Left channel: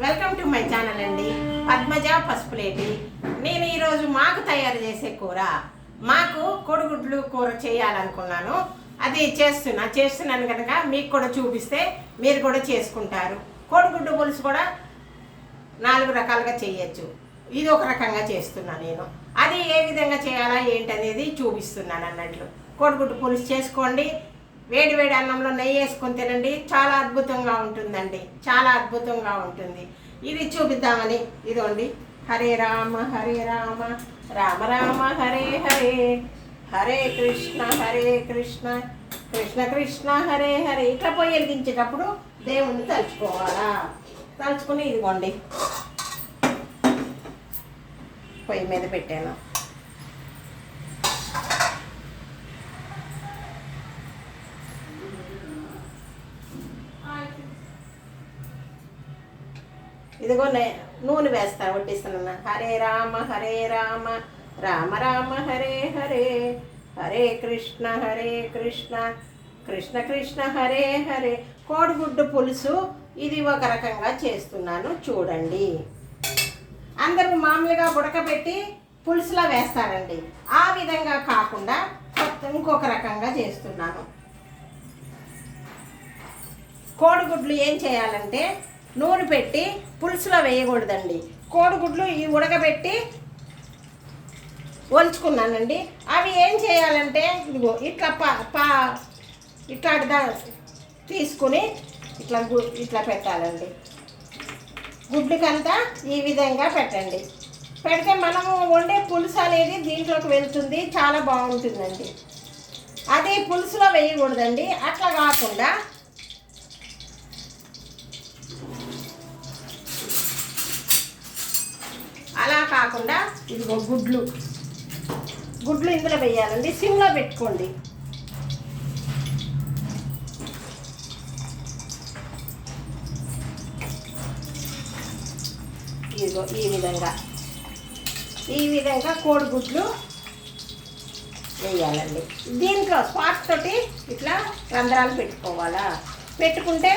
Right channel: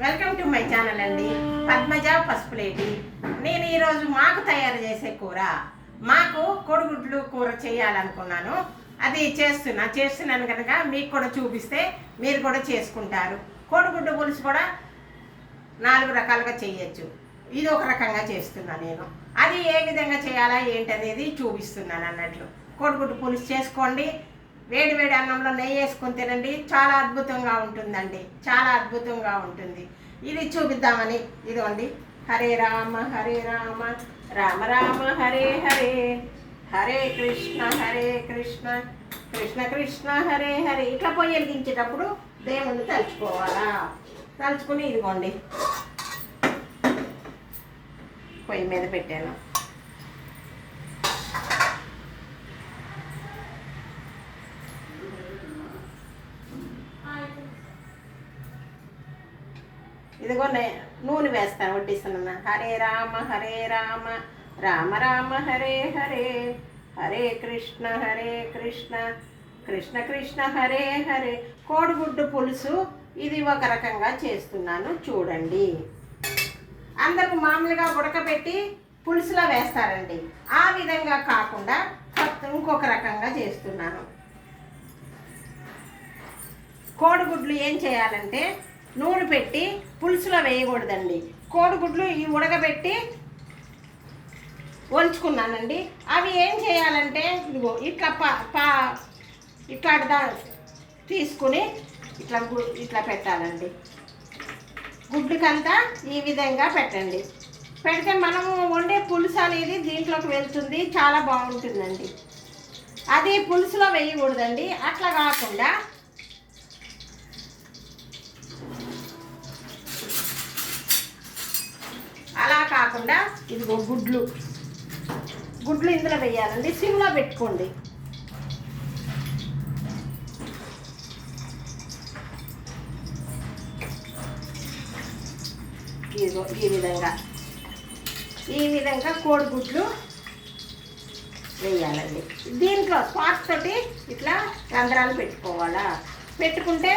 Welcome to my channel అండి. పద్మజ పసుపులేటి. నేను ఈరోజు మాకు తయారు చేసే కూర, మాకు కోడిగుడ్లు కూర చేయాలనుకున్నాను. అది చేస్తున్నాను కనుక మీకు కూడా చూపిస్తే మీరు కూడా చేసుకుంటారు. కోడిగుడ్డు పులుసు కూడా 4 రకాలుగా చేయొచ్చు. ఇది ఒక రకంగా చేస్తున్నాను నేను. అది ఏ విధంగా చేయాలా ఏంటనేది చూపిస్తున్నాను అన్నట్లు. కోడిగుడ్డు పులుసు చేసుకోండి. వేడి వేడి అన్నంలో నెయ్యి వేసుకొని తినండి. చాలా అద్భుతంగా ఉంటుందండి, చాలా అద్భుతంగా ఉంటుంది. ఇది చూపిద్దామని ఇదిగోండి. హరే రామ రామ రామ హరే హరే, హరే కృష్ణ కృష్ణ కృష్ణ హరే హరే. ఇట్లా పొయ్యి వెలిగించేటప్పుడు దేవుణ్ణి తలుచుకోవాలా. తలుచుకుని ఇదిగోండి పొయ్యి మీద పెట్టాను. ఇదిగో నూనె వేస్తాను, వడ్డిస్తున్నాను. హరే రామ రామ రామ హరే హరే, హరే కృష్ణ కృష్ణ కృష్ణ హరే హరే. కోడిగుడ్డు పులుసు ఇది ఒక రకంగా చేస్తున్నాను చూడండి. అందరూ మామూలుగా ఉడకబెట్టి పులుసులో వేస్తారండి. ఆ విధంగా కాకుండా ఇంకొక రకంగా చేస్తున్నాను. కోడిగుడ్లు ఏం చేయాలంటే నూనె పెట్టి పులుసులో వేయకూడదండి. కోడిగుడ్లు ఈ ఉడకబెట్టి ఒలుచుకున్నానండి. అవి ఏం చేయాలంటే ఇదిగో ఇట్లా తీసుకుని ఇట్లా పెట్టాలండి. గుడ్డుకంతా ఈ విధంగా పెట్టండి. పెడితే మనము వండే పులుసు అనేది దీంట్లోకి వెళ్తుంది, చాలా బాగుంటుందండి. అది పులుసులో వేయకూడదండి. అట్లా కాకుండా ఇదిగో గుడ్లు ఇందులో వేయాలండి. సిమ్లో పెట్టుకోండి. ఇదిగో ఈ విధంగా కోడిగుడ్లు వేయాలండి. దీంట్లో స్పాట్ తోటి ఇట్లా రంధ్రాలు పెట్టుకోవాలా. పెట్టుకుంటే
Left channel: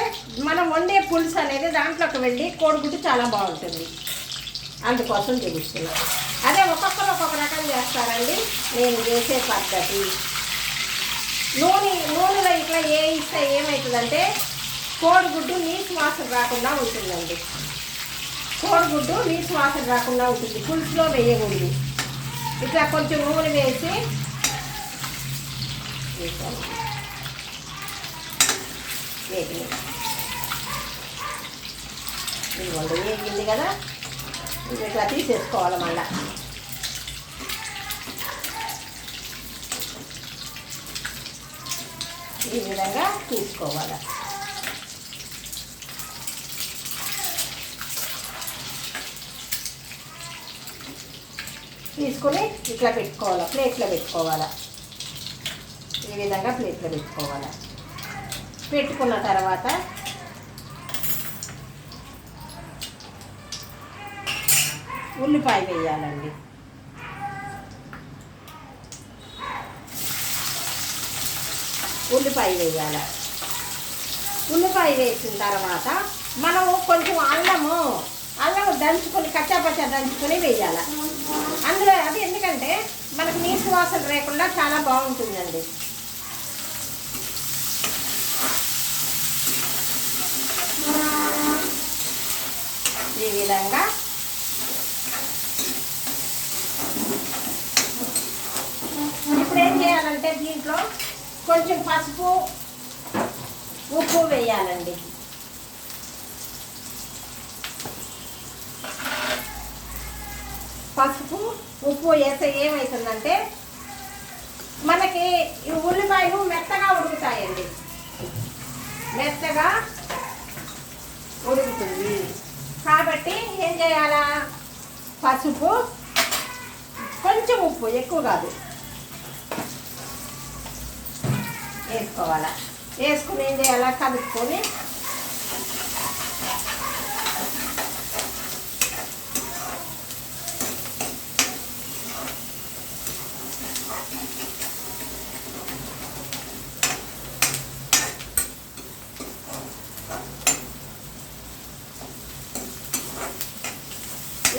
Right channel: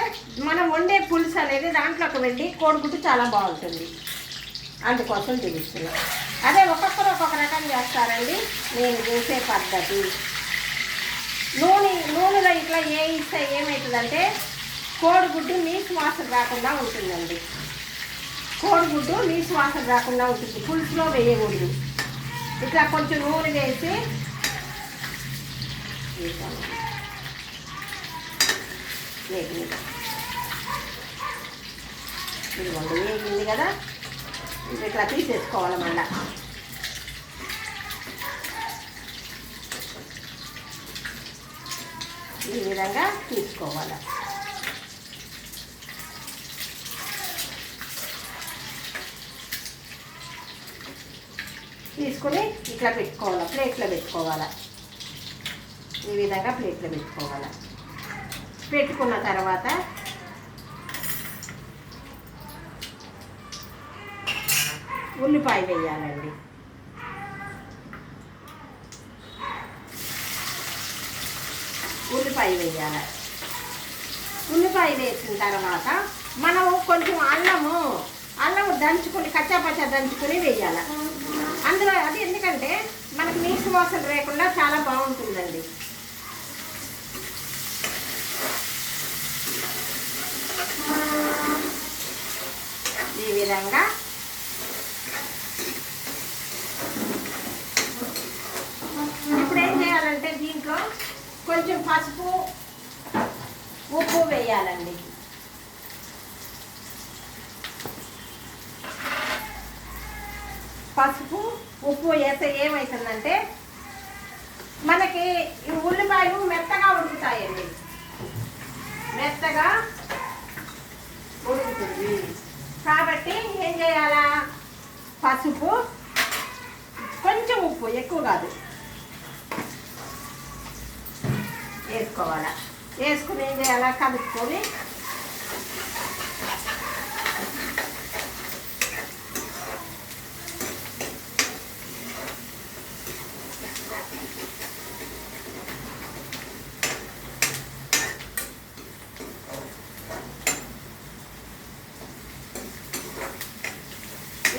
మనం వండే పులుసు అనేది దాంట్లోకి వెళ్ళి కోడిగుడ్డు చాలా బాగుంటుంది. అందుకోసం చూపిస్తున్నాను. అదే ఒక్కొక్కరు ఒక్కొక్క రకం చేస్తారండి. నేను చేసే పద్ధతి నూనెలో ఇట్లా ఇస్తే ఏమవుతుందంటే కోడిగుడ్డు నీసు వాసన రాకుండా ఉంటుందండి. కోడిగుడ్డు నీసు వాసన రాకుండా ఉంటుంది. పులుసులో వేయకూడదు. ఇట్లా కొంచెం నూనె వేసి ఇదిగోండి వేగింది కదా. ఇట్లా తీసేసుకోవాలి. మళ్ళా ఈ విధంగా తీసుకోవాలి. తీసుకుని ఇట్లా పెట్టుకోవాలి. ప్లేట్లో పెట్టుకోవాలి. ఈ విధంగా ప్లేట్లో పెట్టుకోవాలి. పెట్టుకున్న తర్వాత ఉల్లిపాయ వేయాలండి. ఉల్లిపాయ వేసిన తర్వాత మనము కొంచెం అల్లము దంచుకొని కచ్చాపచ్చా దంచుకొని వేయాలి అందులో. అది ఎందుకంటే మనకు నీసు వాసన లేకుండా చాలా బాగుంటుందండి. ఈ విధంగా ఇప్పుడు ఏం చేయాలంటే దీంట్లో కొంచెం పసుపు ఉప్పు వేయాలండి. పసుపు ఉప్పు వేస్తే ఏమవుతుందంటే మనకి ఈ ఉల్లిపాయలు మెత్తగా ఉడుకుతాయండి. మెత్తగా ఉడుకుతుంది కాబట్టి ఏం చేయాలా, పసుపు కొంచెం ఉప్పు, ఎక్కువ కాదు, వేసుకోవాలా. వేసుకుని ఏం చేయాలా, కలుపుకొని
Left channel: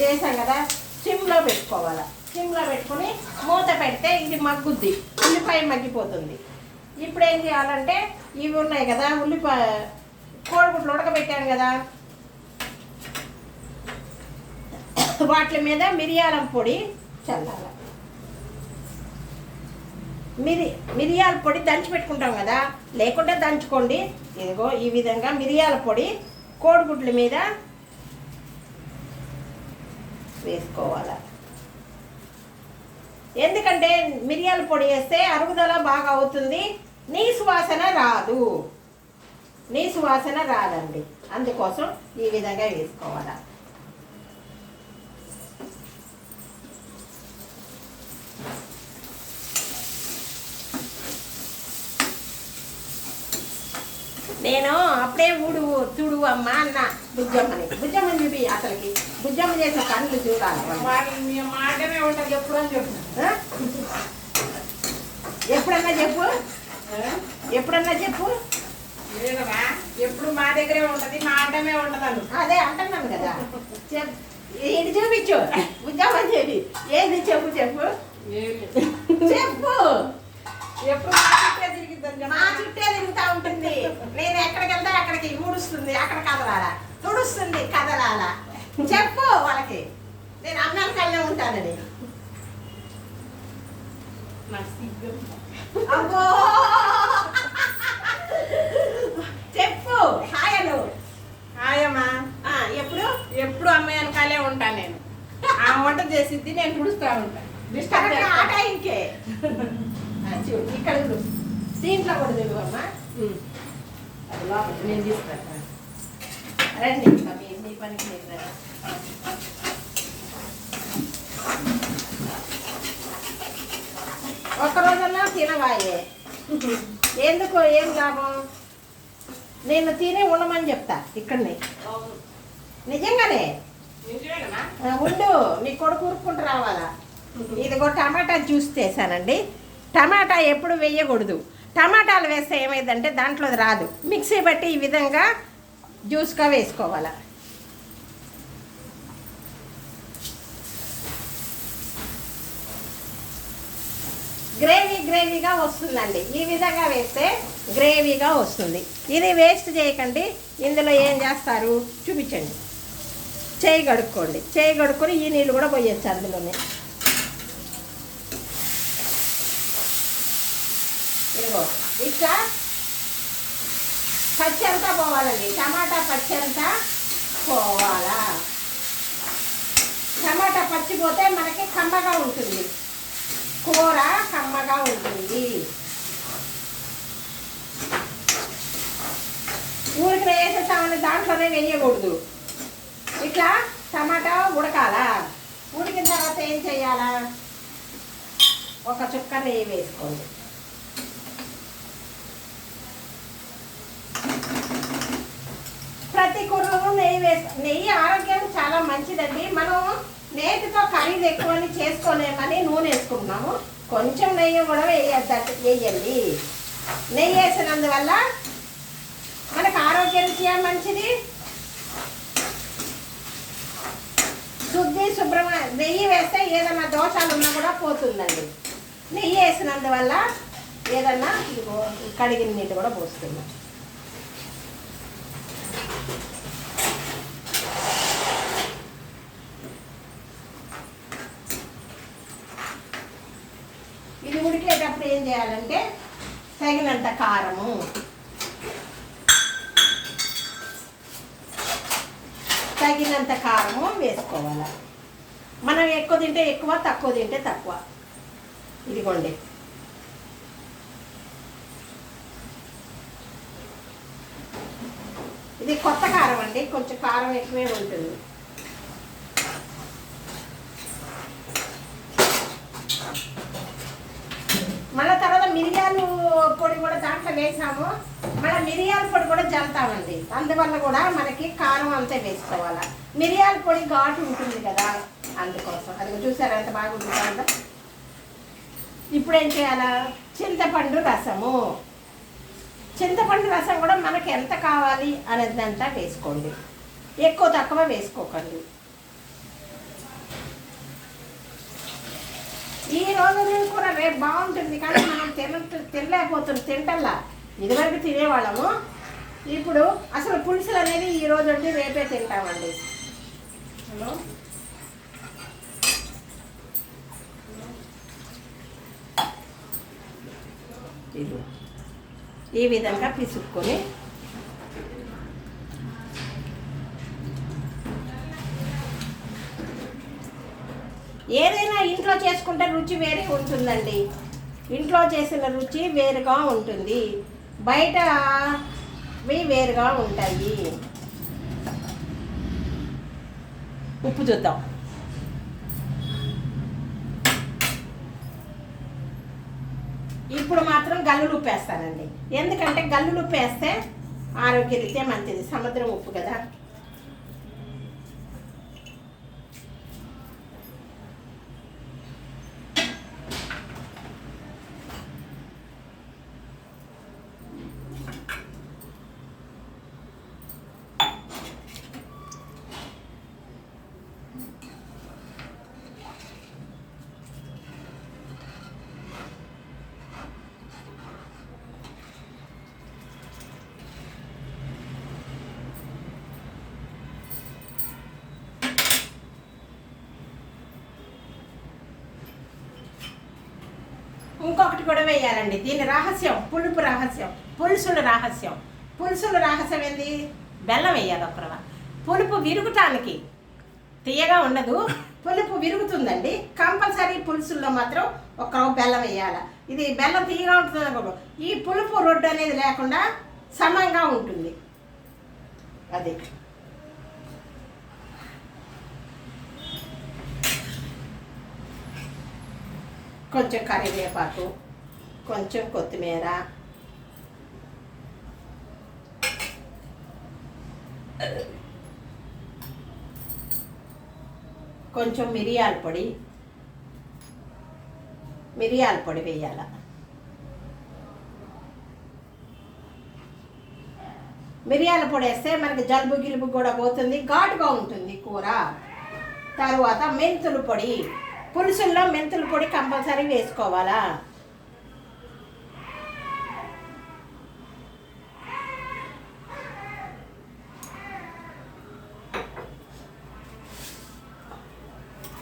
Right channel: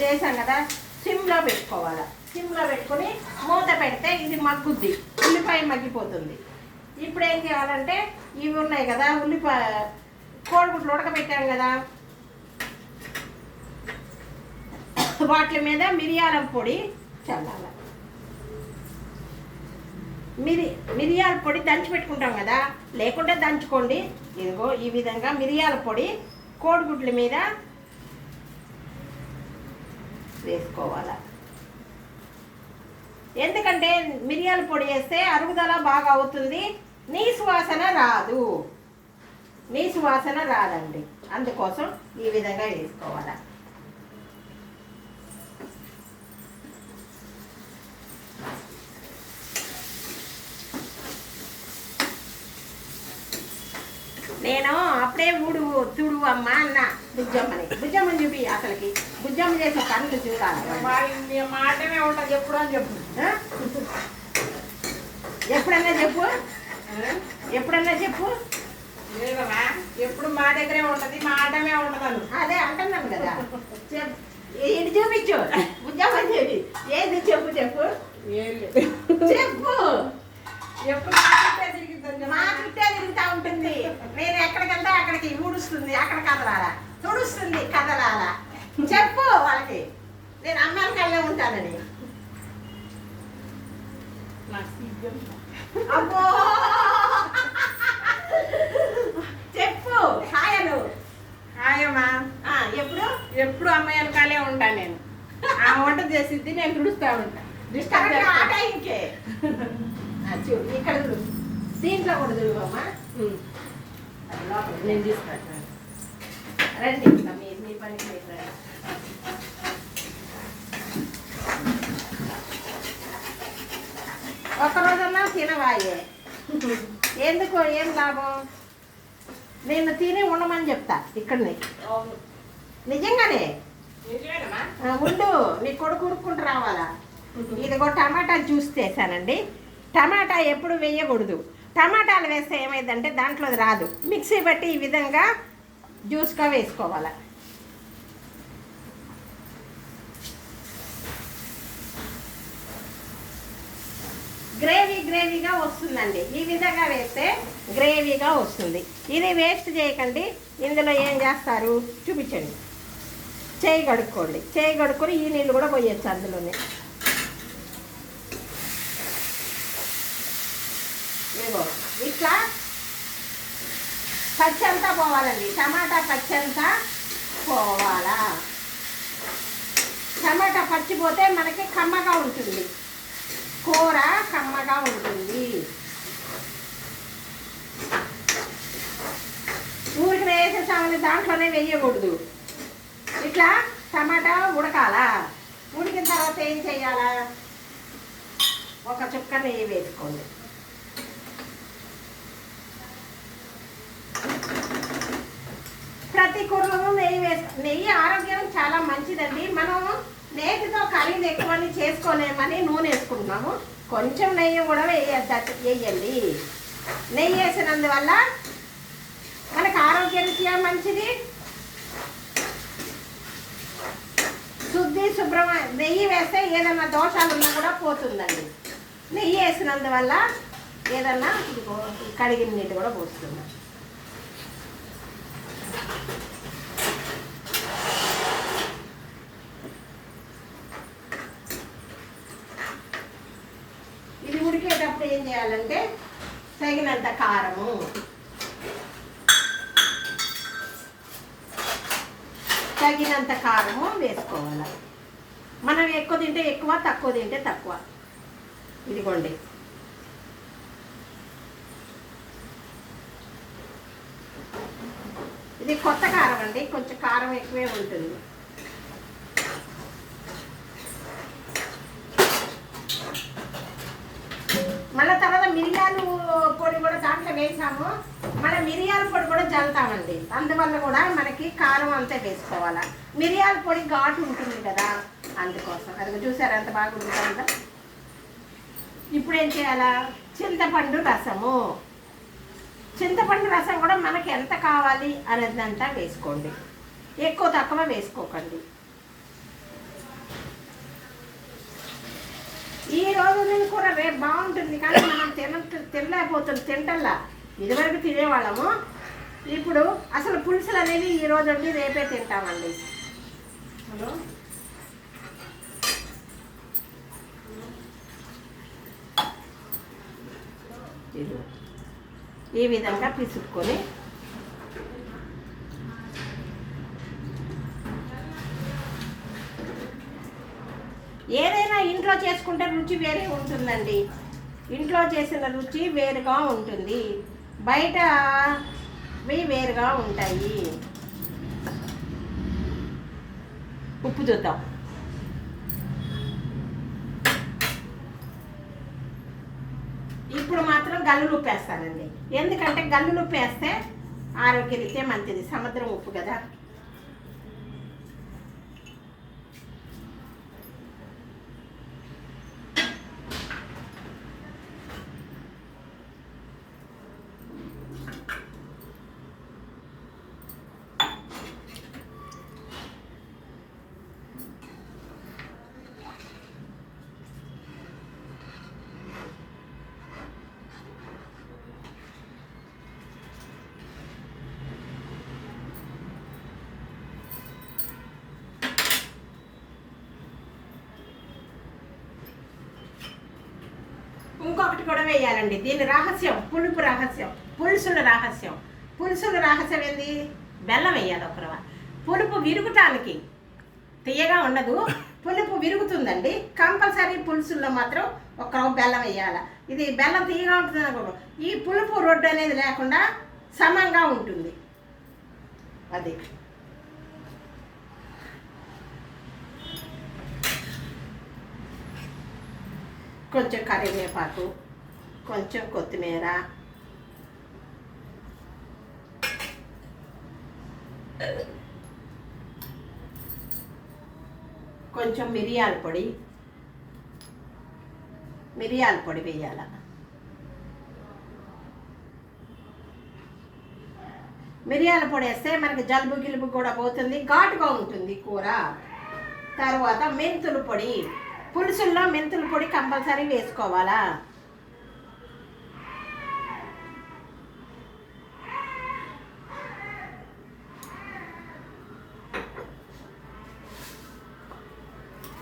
వేసాం కదా, సిమ్లో పెట్టుకోవాలి. సిమ్లో పెట్టుకుని మూత పెడితే ఇది మగ్గుద్ది, ఉల్లిపాయ మగ్గిపోతుంది. ఇప్పుడు ఏం చేయాలంటే ఇవి ఉన్నాయి కదా, కోడిగుడ్లు ఉడకబెట్టాం కదా, వాటి మీద మిరియాల పొడి చల్లాలి. మిరియాల పొడి దంచి పెట్టుకుంటాం కదా, లేకుంటే దంచుకోండి. ఇదిగో ఈ విధంగా మిరియాల పొడి కోడిగుడ్ల మీద వేసుకోవాలి. ఎందుకంటే మిరియాల పొడి వేస్తే అరుగుదల బాగా అవుతుంది, నీసు వాసన రాదు. నీసు వాసన రాదండి, అందుకోసం ఈ విధంగా వేసుకోవాలి. నేను అప్పుడే తుడు అమ్మ అన్న బుజ్జమ్మని చూపి, అసలుకి బుజ్జమ్మ చేసే పనులు చూడాలి. మాటనే ఉంటుంది ఎప్పుడు అని చెప్పు. ఎప్పుడన్నా చెప్పు, ఎప్పుడన్నా చెప్పు. లేదమ్మా, ఎప్పుడు మా దగ్గరే ఉంటది, మా ఆటమే ఉంటదను. అదే అంటున్నాను కదా, ఏంటి చూపించు బుజ్జమ్మని చెప్పి. ఏది చెప్పు చెప్పు చెప్పు. ఎప్పుడు మా చుట్టే తిరుగుతూ ఉంటుంది. నేను ఎక్కడికి వెళ్తే అక్కడికి ఊడుస్తుంది, అక్కడ కదలాలా, తుడుస్తుంది కదలాలా. చెప్పు వాళ్ళకి నేను అమెరికాలో ఉంటానని. అబ్బో చెప్పు. హాయను హాయమ్మా. ఎప్పుడు అమ్మాయి వెనకాలే ఉంటాను నేను. ఆ వంట చేసిద్ది, నేను తుడుస్తూ ఉంటాను. ఆ టైంకే ఇక్కడ దీంట్లో కూడా చూడమ్మా. అది లోపల నేను తీసుకురాను. రండి మీ పనికి రండి. ఒక్కరోజన్నా తినవాయే, ఎందుకు ఏం లాభం? నేను తిని ఉండమని చెప్తా ఇక్కడనే. నిజంగానే ఉండు, నీ కొడుకు ఉరుక్కుంటూ రావాలా. ఇదిగో టమాటా జ్యూస్ చేశానండి. టమాటా ఎప్పుడు వేయకూడదు, టమాటాలు వేస్తే ఏమైందంటే దాంట్లో రాదు. మిక్సీ బట్టి ఈ విధంగా జ్యూస్గా వేసుకోవాలి. గ్రేవీగా వస్తుందండి. ఈ విధంగా వేస్తే గ్రేవీగా వస్తుంది. ఇది వేస్ట్ చేయకండి. ఇందులో ఏం చేస్తారు చూపించండి. చేయి కడుక్కోండి, చేయి కడుక్కొని ఈ నీళ్ళు కూడా పోయొచ్చు అందులోనే. ఇదిగో ఇట్లా పచ్చంతా పోవాలండి, టమాటా పచ్చంతా పోవాలా. టమాటా పచ్చిపోతే మనకి కమ్మగా ఉంటుంది, కూర కమ్మగా ఉంటుంది. ఊరికి వేసేసామని దాంట్లోనే వేయకూడదు. ఇట్లా టమాటా ఉడకాలా. ఉడికిన తర్వాత ఏం చేయాలా, ఒక చుక్క నెయ్యి వేసుకోండి. ప్రతి కూరలో నెయ్యి ఆరోగ్యం చాలా మంచిదండి. మనం నేతితో ఖరీదు ఎక్కువని చేసుకోలేమని నూనె వేసుకుంటున్నాము. కొంచెం నెయ్యి కూడా వేయండి. నెయ్యి వేసినందువల్ల మనకు ఆరోగ్యరీత్యా మంచిది. శుభ్రమైన నెయ్యి వేస్తే ఏదైనా దోషాలు ఉన్నా కూడా పోతుందండి. నెయ్యి వేసినందువల్ల ఏదన్నా కడిగిన నీళ్ళు కూడా పోస్తున్నాం. ఇది ఉడికేటప్పుడు ఏం చేయాలంటే తగినంత కారము, తగినంత కారము వేసుకోవాలి. మనం ఎక్కువ తింటే ఎక్కువ, తక్కువ తింటే తక్కువ. ఇదిగోండి, ఇది కొత్త కారం అండి, కొంచెం కారం ఎక్కువే ఉంటుంది. మళ్ళీ తర్వాత మిరియాలు పొడి కూడా దాంట్లో వేసాము. మళ్ళీ మిరియాల పొడి కూడా జల్లుతామండి, అందువల్ల కూడా మనకి కారం అంతా వేసుకోవాలి. మిరియాల పొడి ఘాటు ఉంటుంది కదా, అందుకోసం. అది చూసారు ఎంత బాగుంటుంది కదా. ఇప్పుడు ఏం చేయాలా, చింతపండు రసము. చింతపండు రసం కూడా మనకి ఎంత కావాలి అనేదంతా వేసుకోండి, ఎక్కువ తక్కువ వేసుకోకండి. ఈ రోజు నేను కూర రేపు బాగుంటుంది కానీ మనం తినలేకపోతుంది తింటల్లా. ఇదివరకు తినేవాళ్ళము, ఇప్పుడు అసలు పులుసులు అనేది ఈ రోజు వండి రేపే తింటామండి. హలో, ఈ విధంగా పిసుక్కొని ఏదైనా ఇంట్లో చేసుకుంటే రుచి వేరే ఉంటుందండి. ఇంట్లో చేసిన రుచి వేరుగా ఉంటుంది, బయట వేరుగా ఉంటాయి. ఉప్పు చూద్దాం. ఇప్పుడు మాత్రం గల్లులు ఉప్పు వేస్తానండి, ఎందుకంటే గల్లులు ఉప్పు వేస్తే ఆరోగ్యరీత్యా మంచిది. సముద్రం ఉప్పు కదా. ఇంకొకటి కూడా వేయాలండి, దీని రహస్యం పులుపు రహస్యం, పులుసుల రహస్యం. పులుసుల రహస్యం ఏంది? బెల్లం వేయాలి ఒక రవ్వ. పులుపు విరుగుతానికి తీయగా ఉండదు, పులుపు విరుగుతుందండి. కంపల్సరీ పులుసుల్లో మాత్రం ఒక రవ్వ బెల్లం వేయాలి. ఇది బెల్లం తీయగా ఉంటుంది అనుకో, ఈ పులుపు రొడ్డు అనేది లేకుండా సమంగా ఉంటుంది. అది కొంచెం కరివేపాకు, కొంచెం కొత్తిమీర, కొంచెం మిరియాల పొడి వేయాల. మిరియాల పొడి వేస్తే మనకి జలుబు గిలుబు కూడా పోతుంది, ఘాటుగా ఉంటుంది కూర. తర్వాత మెంతుల పొడి, పులుసుల్లో మెంతుల పొడి కంపల్సరీ వేసుకోవాలా.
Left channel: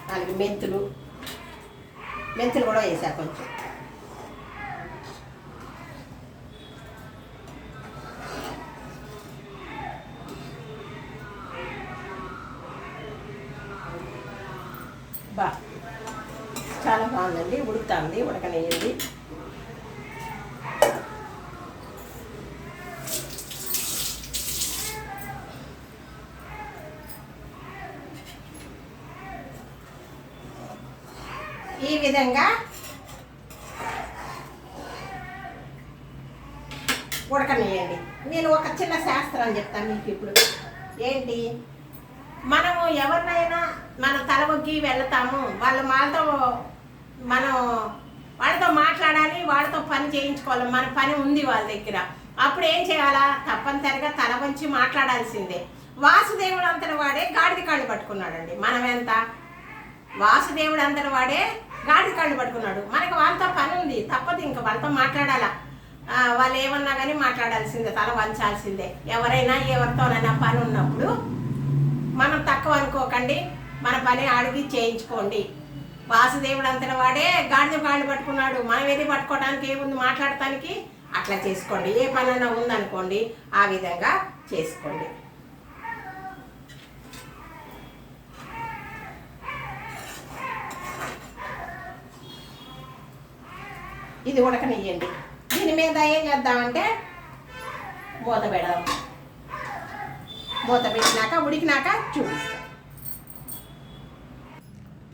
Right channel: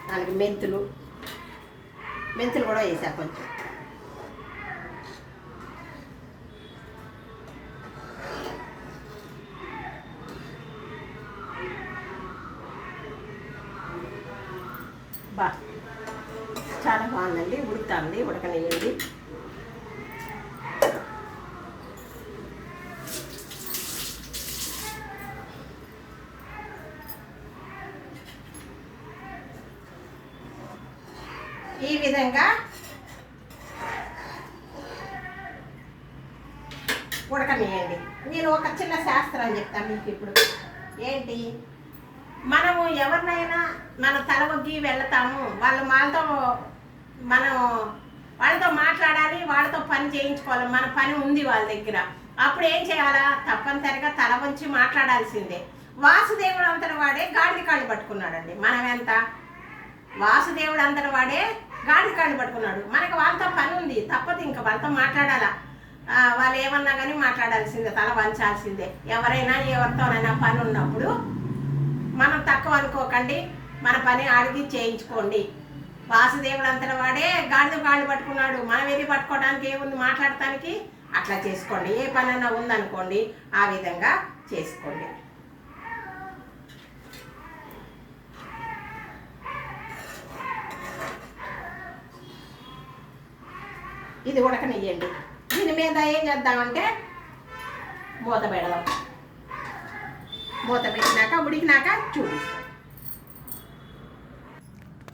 దానికి మెంతులు కూడా వేసా కొంచెం. చాలా బాగుందండి, ఉడుకుతుంది, ఉడకనేయండి. ఈ విధంగా ఉడకనేయండి. నేను ఒక చిన్న శాస్త్రం చెప్తాను మీకు ఇప్పుడు. ఏంటి, మనము ఎవరినైనా మన తలవొగ్గి వెళ్తాము, మనం వాళ్ళతో మాట్లాడాలి, వాళ్ళతో పని చేయించుకోవాలి, మన పని ఉంది వాళ్ళ దగ్గర. అప్పుడు ఏం చేయాలా? తప్పనిసరిగా తల వంచి మాట్లాడాల్సిందే. వాసుదేవుడు అంతటి వాడే గాడిద కాళ్ళు పట్టుకున్నాడండి. మనం ఎంత? వాసుదేవుడు అంతటి వాడే గాడిద కాళ్ళు పట్టుకున్నాడు. మనకి వాళ్ళతో పని ఉంది, తప్పదు, ఇంకా వాళ్ళతో మాట్లాడాలా. వాళ్ళు ఏమన్నా కానీ మాట్లాడాల్సిందే, తల వంచాల్సిందే. ఎవరైనా ఎవరితోనైనా పని ఉన్నప్పుడు మనం తక్కువ అనుకోకండి, మన పని అడిగి చేయించుకోండి. వాసుదేవుడు అంతటి వాడే గాడిద కాళ్ళు పట్టుకున్నాడు, మనం ఏది పట్టుకోవడానికి ఏముంది, మాట్లాడటానికి. అట్లా చేసుకోండి. ఏ పనైనా ఉందనుకోండి, ఆ విధంగా చేసుకోండి. ఇది ఉడకనియ్యండి. దీని మీద ఏం చేద్దామంటే మూత పెడదాం. మూత పెట్టినాక ఉడికినాక చూపిస్తాం.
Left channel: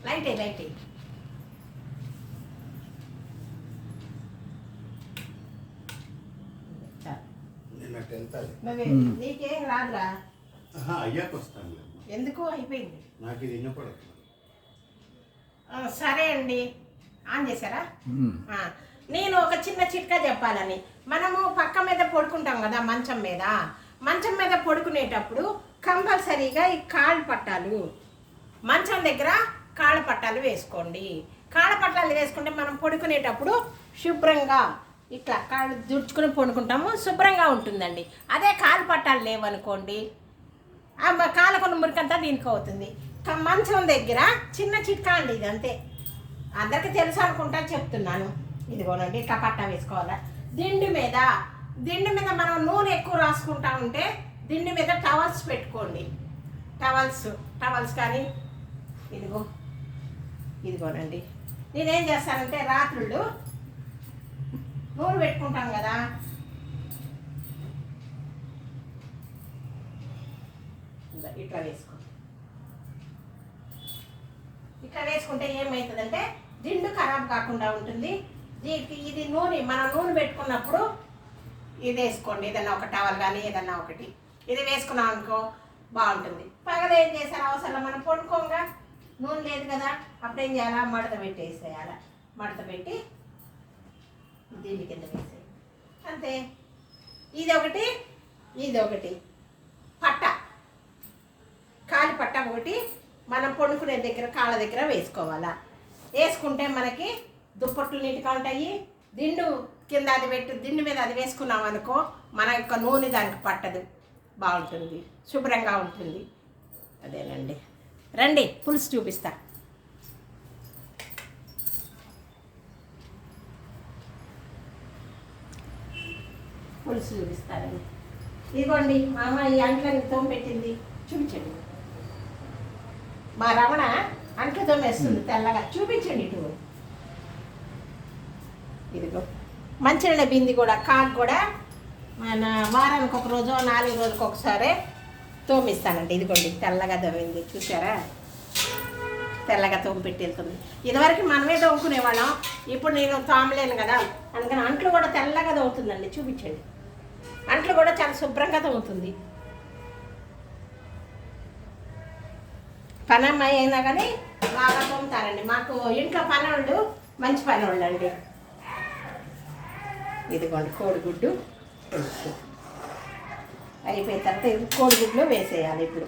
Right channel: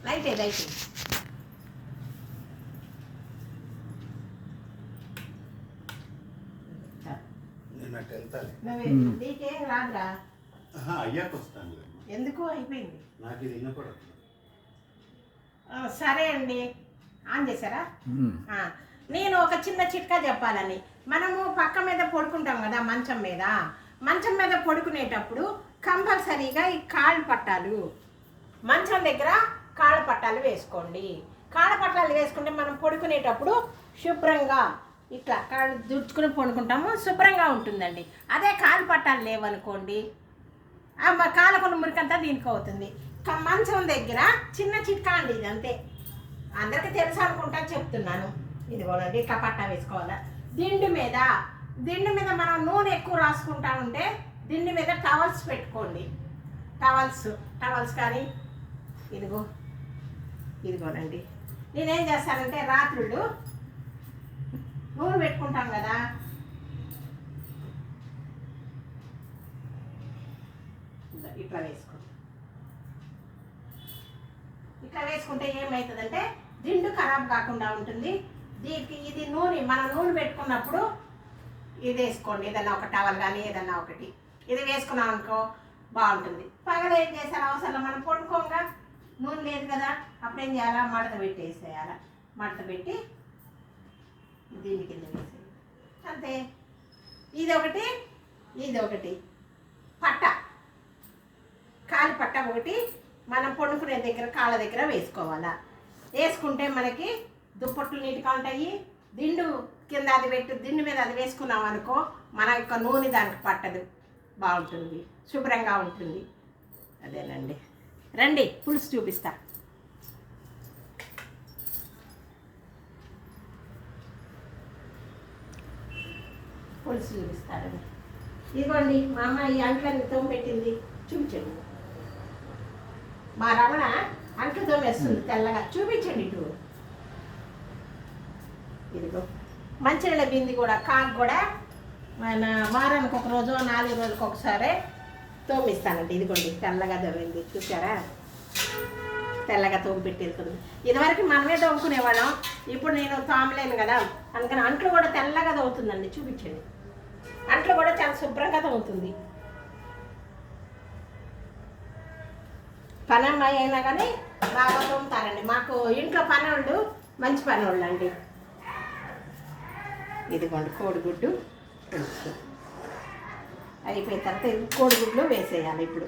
లైట్ నీకేం రాదురా? అయ్యాక వస్తాను. ఎందుకు? అయిపోయింది. నాకు ఇది వినపడదు. సరే అండి, ఆన్ చేశారా? నేను ఒక చిన్న చిట్కా చెప్పాలని. మనము పక్క మీద పడుకుంటాం కదా, మంచం మీద పడుకునేటప్పుడు కంపల్సరీగా ఈ కాళ్ళు పట్టాలు, మంచం దగ్గర కాళ్ళ పట్టాలు వేసుకోండి. కాళ్ళ పట్టాలు వేసుకుంటే మనం పడుకునేటప్పుడు శుభ్రంగా ఇట్లా కాళ్ళు దుడుచుకొని పడుకుంటాము, శుభ్రంగా ఉంటుందండి. అదే కాలు పట్టాలు లేవనుకోండి, కాళ్ళకున్న మురికంతా దీనికి అవుతుంది. మంచం దగ్గర చిన్న చిట్కా అండి, ఇది అంతే, అందరికీ తెలుసు అనుకుంటా చెప్తున్నాను. ఇదిగోనండి, ఇట్లా పట్టా వేసుకోవాలా. దిండు మీద మనం నూనె ఎక్కువ రాసుకుంటా ఉంటే దిండు మీద టవల్స్ పెట్టుకోండి. టవల్స్ కానీ ఇదిగోనండి. నేనేం చేస్తానంటే రాత్రుళ్ళు నూనె పెట్టుకుంటాం కదా, ఇట్లా వేసుకుంటే ఏమవుతుందంటే దిండు ఖరాబ్ కాకుండా ఉంటుంది. దీనికి ఇది మనం నూనె పెట్టుకున్నప్పుడు ఇది వేసుకోండి, ఏదన్నా ఒక టవల్ కానీ ఏదన్నా ఒకటి ఇది వేసుకున్నాం అనుకో బాగుంటుంది. పగలు ఏం చేశారు అవసరం, మనం పడుకోగా నూనె లేదు కదా, అప్పుడు ఏం చేయాలా, మడత పెట్టేసేయాలా. మడత పెట్టి దీని కింద వేసేయాలి, అంతే. ఇది ఒకటి పట్ట, కాలి పట్ట ఒకటి మనం పడుకునే దగ్గర కాళ్ళ దగ్గర వేసుకోవాలా. వేసుకుంటే మనకి దుప్పట్లు నీట్గా ఉంటాయి. దిండు కింద అది పెట్టి దిండు మీద అది వేసుకున్నాం అనుకో మన యొక్క నూనె దానికి పట్టదు, బాగుంటుంది, శుభ్రంగా ఉంటుంది. అదేనండి, రండి పులుసు చూపిస్తా. పులుసు చూపిస్తారండి. ఇదిగోండి మా అమ్మ ఈ అంట్లని తోమెట్టింది, చూపించండి. మా రమణ అంట్లు తోమేస్తుంది తెల్లగా, చూపించండి ఇటు. ఇదిగో మంచినీళ్ళ బింది కూడా, కాకు కూడా మన వారానికి ఒక రోజు 4 రోజులకు ఒకసారి తోమిస్తానండి. ఇదిగోండి తెల్లగా తోమింది, చూసారా, తెల్లగా తోమి పెట్టి వెళ్తుంది. ఇదివరకు మనమే తోముకునేవాళ్ళం, ఇప్పుడు నేను తోమలేను కదా, అందుకని అంట్లు కూడా తెల్లగా తోముతుందండి. చూపించండి, అంట్లు కూడా చాలా శుభ్రంగా తోముతుంది. పనమ్మాయి అయినా కానీ బాగా తోముతారండి. మాకు ఇంట్లో పనోళ్ళు మంచి పనోళ్ళు అండి. ఇదిగోండి కోడిగుడ్డు పులుసు అయిపోయిన తర్వాత ఇది కోడిగుడ్లు వేసేయాలి. ఇప్పుడు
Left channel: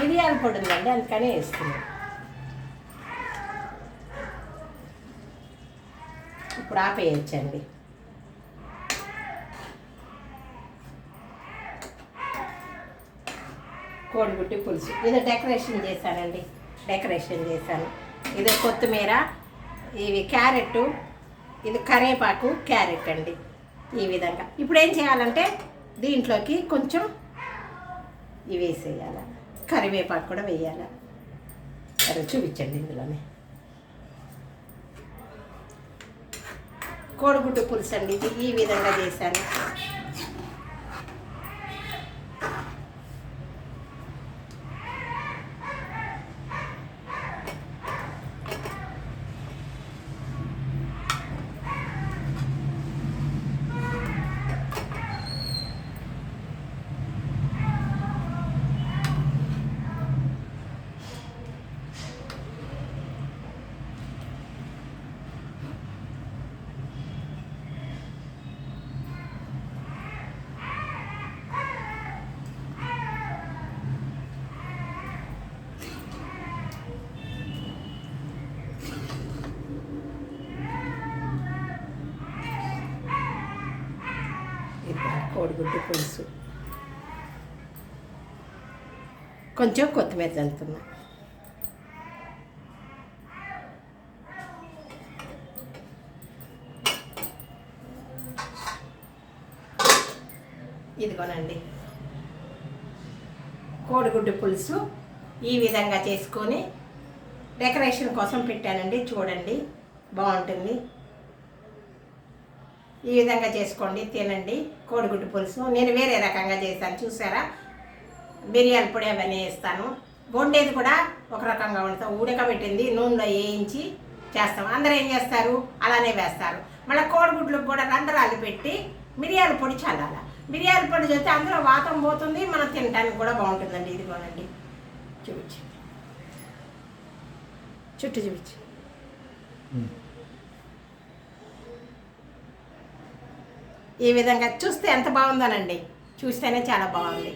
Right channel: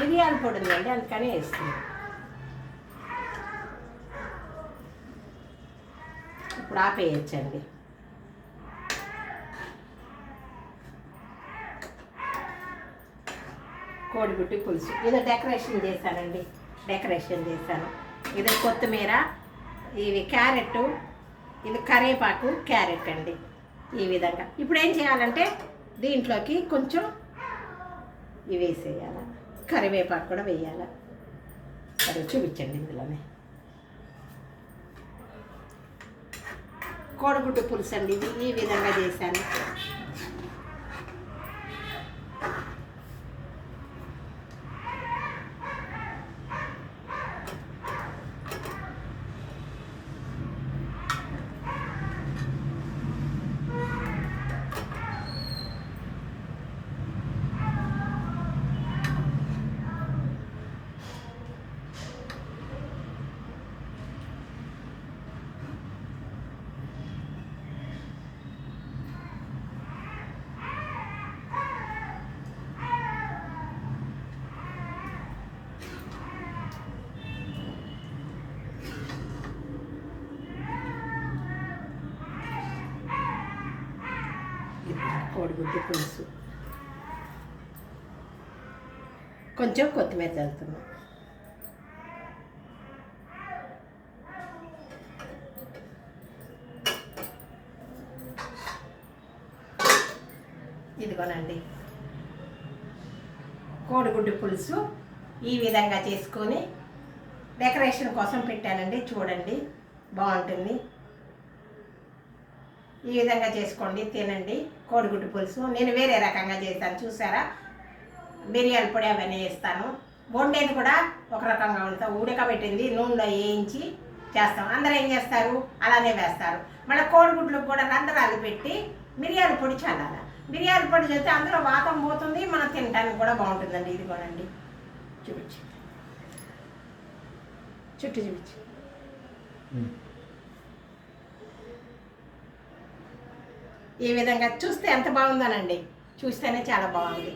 మిరియాల పొడి ఉందండి, అందుకనే వేస్తుంది. ఇప్పుడు ఆపేయచ్చండి. కోడిగుడ్డు పులుసు ఇది డెకరేషన్ చేశానండి, ఇది కొత్తిమీర, ఇవి క్యారెట్, ఇది కరివేపాకు, క్యారెట్ అండి. ఈ విధంగా ఇప్పుడు ఏం చేయాలంటే దీంట్లోకి కొంచెం ఇవి వేసేయాలి, కరివేపాకు కూడా వేయాలి. అది చూపించండి. ఇందులోనే కోడిగుడ్డు పులుసు అండి, ఇది ఈ విధంగా చేశాను. కోడిగుడ్డు పులుసు కొంచెం కొత్తిమీర చల్లుతున్నా. ఇదిగోనండి కోడిగుడ్డు పులుసు ఈ విధంగా చేసుకొని డెకరేషన్ కోసం పెట్టానండి. చూడండి బాగుంటుంది. ఈ విధంగా చేసుకోండి, తినండి. కోడిగుడ్డు పులుసు నేను వేరే రకంగా చేస్తాను, చూసారా, బిర్యానీ పొడి అవన్నీ వేస్తాను. వండేది కూడా ఒక రకంగా వండుతాం, ఉడకబెట్టింది నూనెలో వేయించి చేస్తాం. అందరూ ఏం చేస్తారు, అలానే వేస్తారు. మళ్ళీ కోడిగుడ్లకు కూడా రంధ్రాలు పెట్టి మిరియాల పొడి చల్లాలి. మిరియాల పొడి చేస్తే అందులో వాతం పోతుంది, మనం తినడానికి కూడా బాగుంటుందండి. ఇది కూడా అండి చూపించు, చుట్టూ చూపించు. ఈ విధంగా చూస్తే ఎంత బాగుందోనండి, చూస్తేనే చాలా బాగుంది.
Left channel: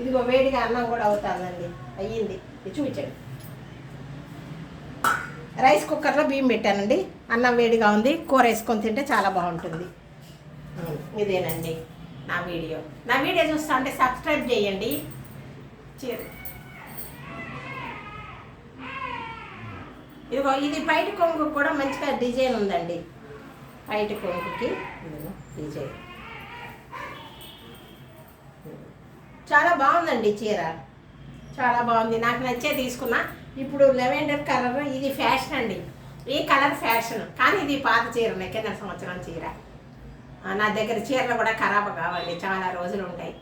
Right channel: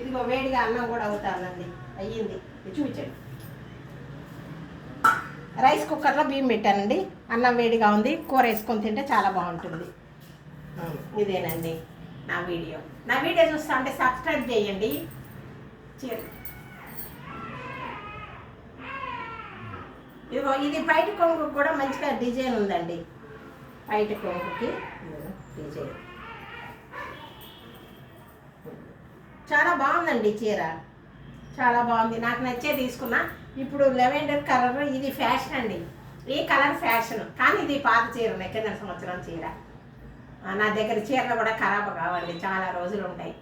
ఇదిగో వేడిగా అన్నం కూడా అవుతుందండి, అయ్యింది. ఇది చూపించండి. రైస్ కుక్కర్లో బియ్యం పెట్టానండి, అన్నం వేడిగా ఉంది. కూర వేసుకొని తింటే చాలా బాగుంటుంది. ఇదేనండి నా వీడియో చూస్తా అంటే సబ్స్క్రైబ్ చేయండి. ఇదిగో ఇది బయట కొంగుకి కూడా మంచిగా డిజైన్ ఉందండి. బయట కొంగుకి డిజైన్ చాలా బాగుందండి. చీర చాలా బాగుంది, నాకు నచ్చే తీసుకున్నా. ఇప్పుడు లెవెండర్ కలర్ ఇది ఫ్యాషన్ అండి, ఈ కలర్ ఫ్యాషన్. కానీ ఇది పాత చీర, కింద సంవత్సరం చీర. నా దగ్గర చీరలు కూడా ఖరాబ్ కావండి, చాలా రోజులు ఉంటాయి.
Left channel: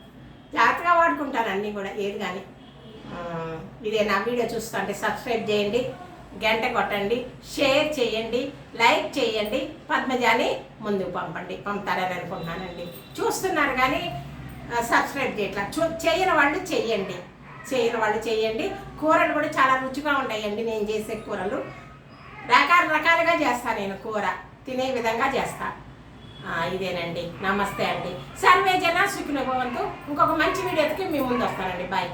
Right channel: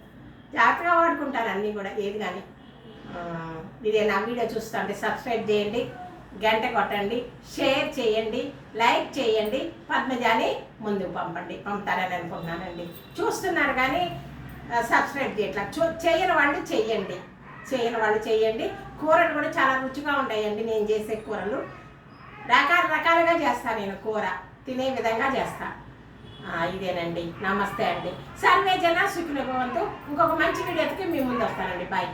జాగ్రత్తగా వాడుకుంటాను అన్నీ కూడా, ఏది కానీ. ఇదే నా వీడియో చూస్తుంటే సబ్స్క్రైబ్ చేయండి, గంట కొట్టండి, షేర్ చేయండి, లైక్ చేయండి. పద్మజాని ముందుకు పంపుతారని అనుకుంటున్నానండి. చూస్తున్నారు కానీ సబ్స్క్రైబ్ చేయట్లా. చేయని వాళ్ళు చేయండి. కూరలు కూడా చాలా రుచిగా ఉంటాయండి. నేను చేసే కూరలు రకాలుగా చేస్తాను. నేను కూర తినే విధంగా చేస్తాను. ఇదేనండి. నమస్తే అండి. సర్వే జన సుఖినో భవంతు. ఇంకొక మంచి వీడియోకి మీ ముందు వస్తానండి. బాయ్.